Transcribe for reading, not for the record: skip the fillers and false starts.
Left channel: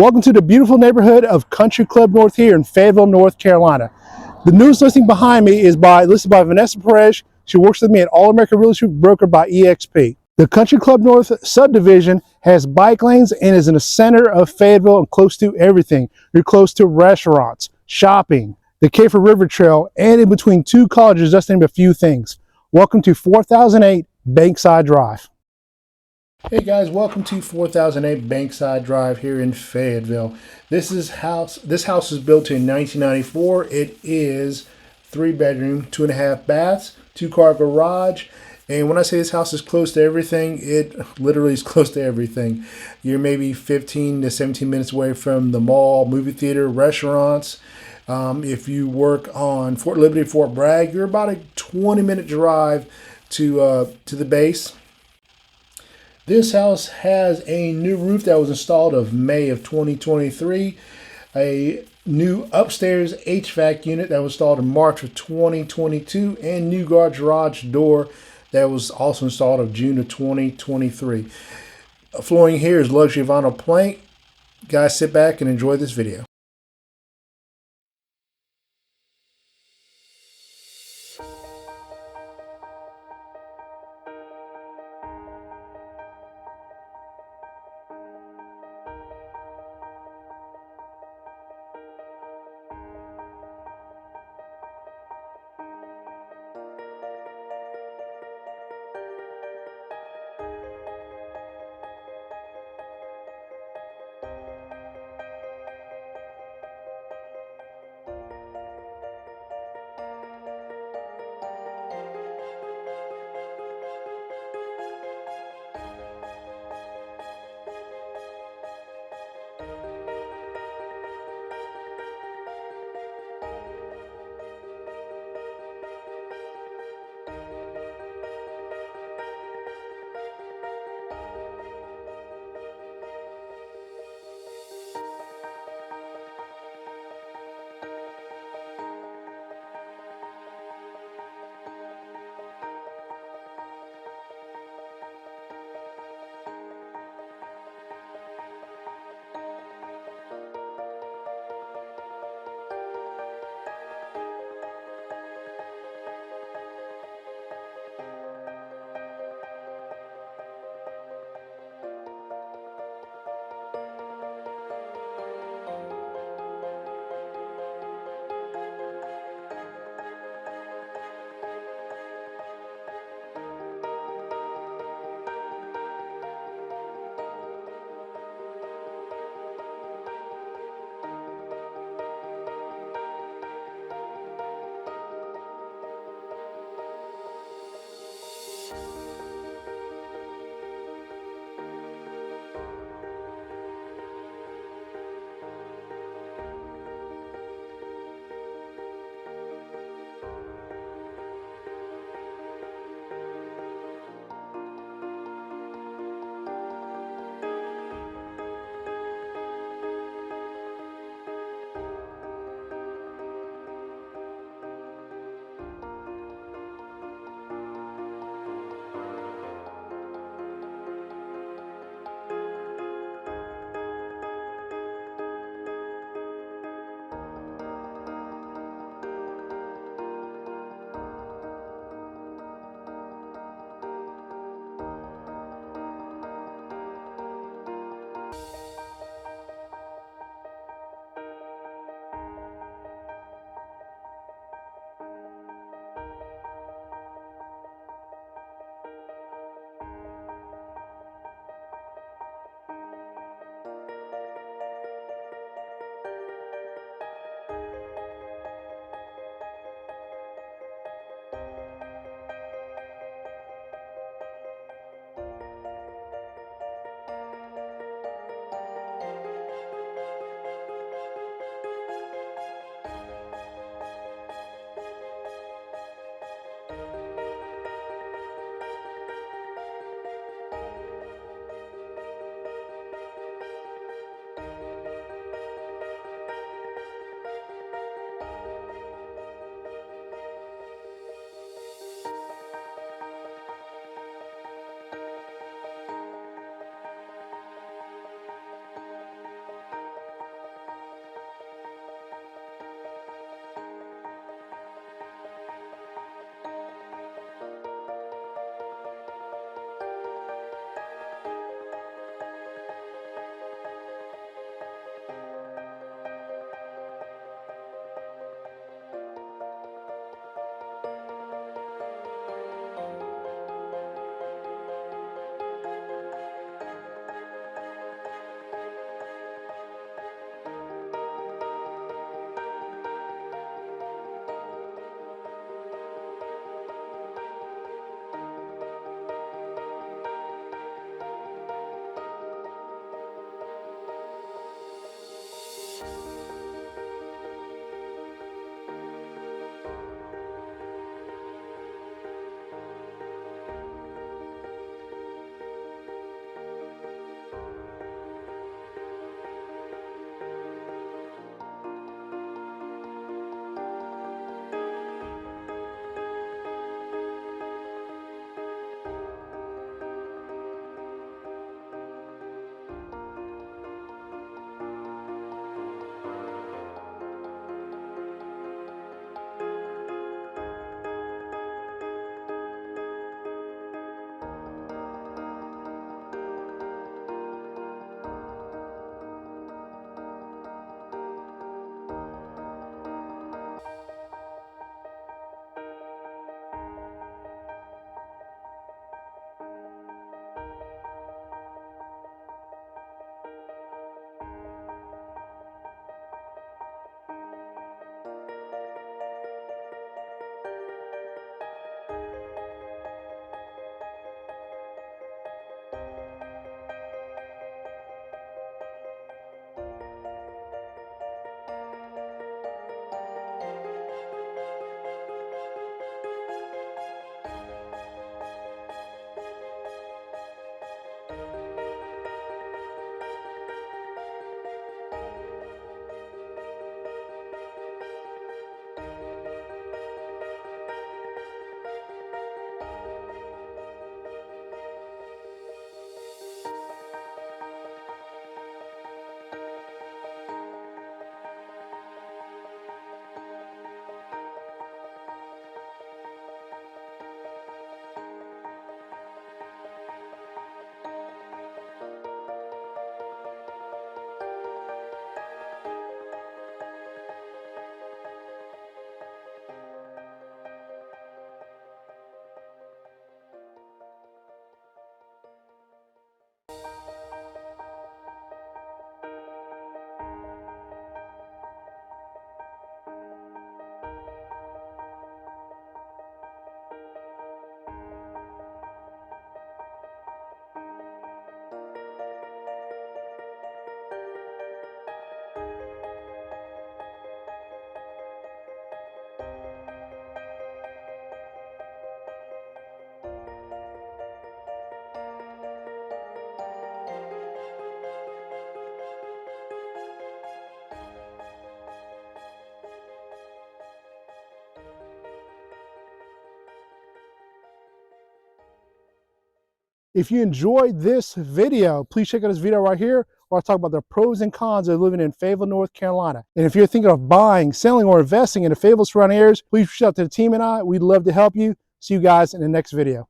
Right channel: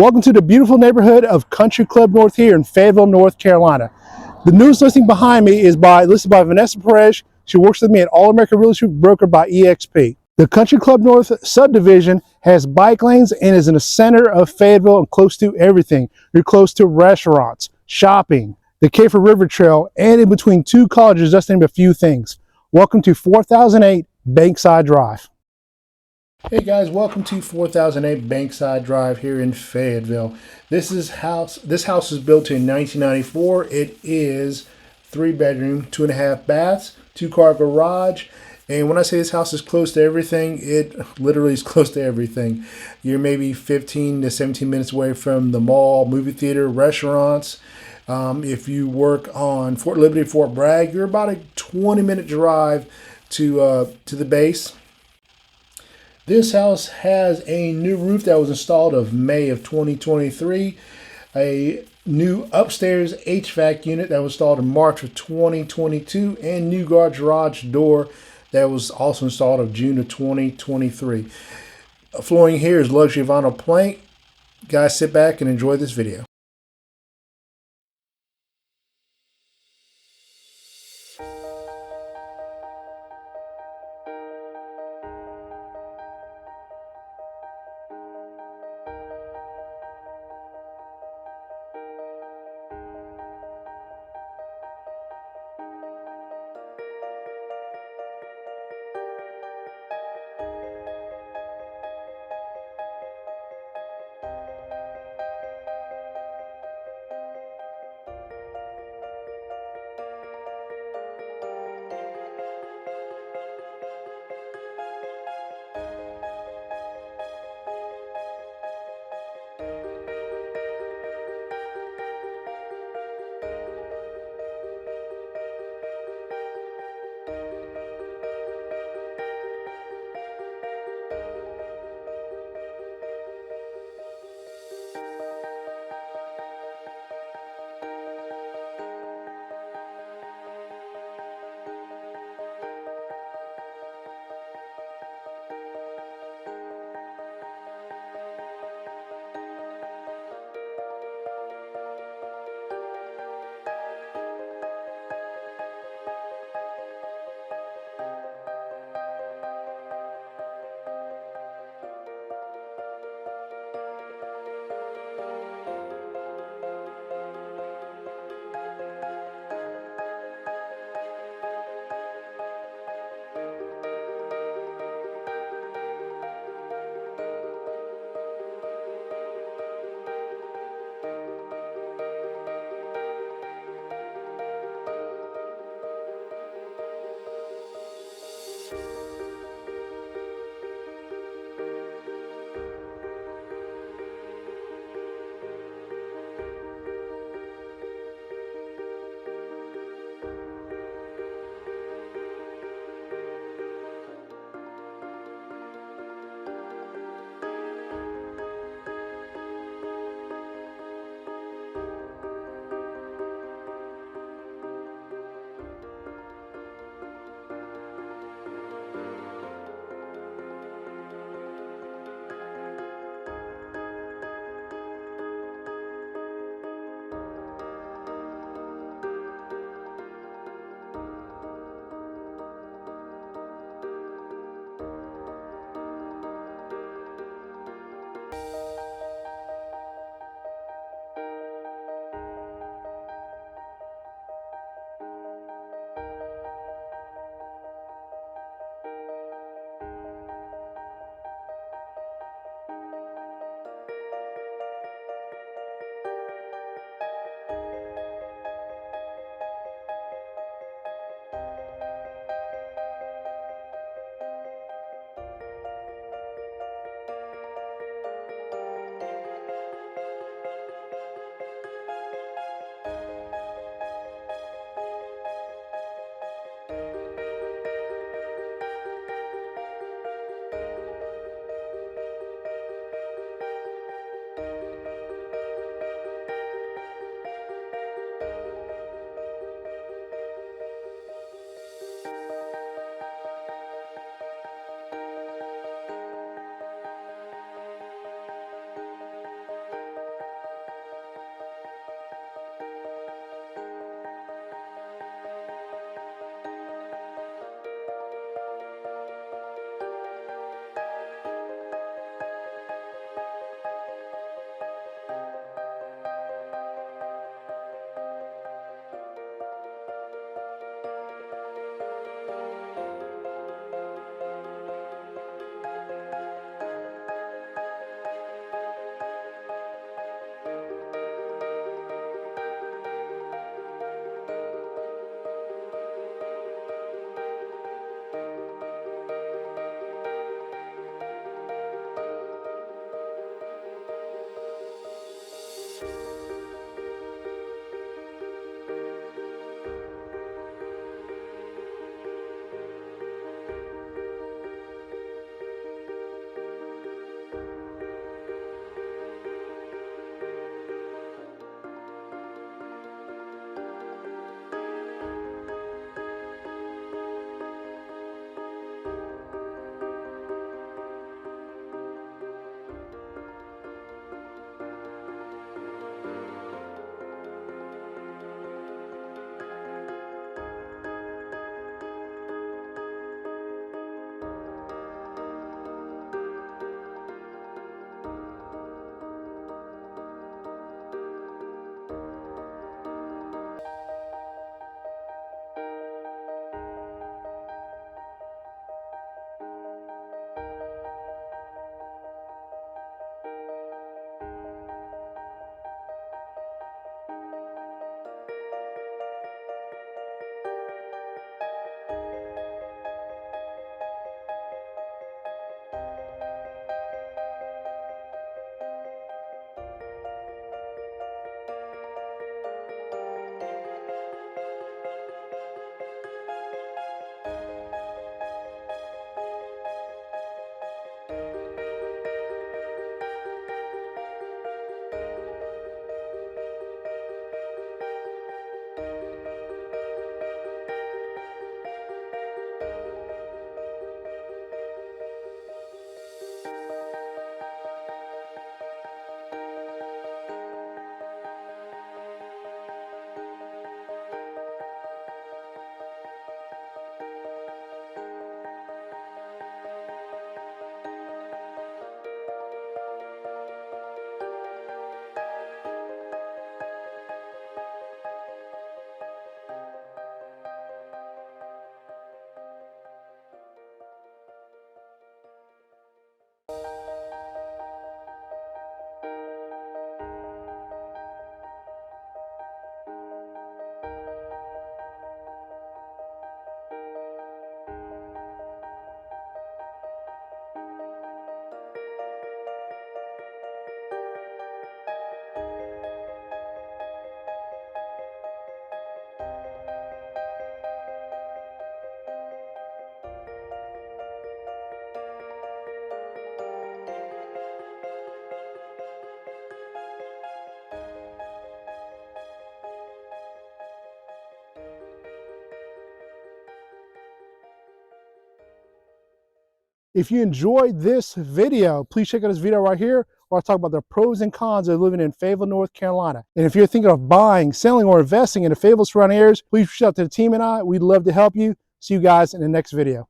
Welcome to the beautiful neighborhood of Country Club North here in Fayetteville, North Carolina. The newest listing behind me is listed by Vanessa Perez. She works with me at All American Real Estate Broker by EXP. The Country Club North subdivision has bike lanes and is in the center of Fayetteville and close to everything. You're close to restaurants, shopping, the Kafer River Trail, and in between two colleges, just to name a few things. Welcome to 4008 Bankside Drive. Hey guys, welcome to 4008 Bankside Drive here in Fayetteville. This house was built in 1994. It is 3-bedroom, 2.5 baths, 2-car garage. And when I say this house is close to everything, it literally is close to everything. You're maybe 15 to 17 minutes away from the mall, movie theater, restaurants. If you work on Fort Liberty, Fort Bragg, you're about a 20-minute drive to the base. This house has a new roof that was installed of May of 2023, a new upstairs HVAC unit that was installed in March of 2022, and new garage door that was also installed of June of 2023. Flooring here is luxury vinyl plank. Guys, sit back and enjoy this video. If you enjoyed this video, please check out this video right here where I talk about the pros and cons of living in Fayetteville, North Carolina. And if you're thinking of buying, selling, or investing in the Fayetteville surrounding areas, please reach out to the team and I. We'd love to help you. See you guys in the next video.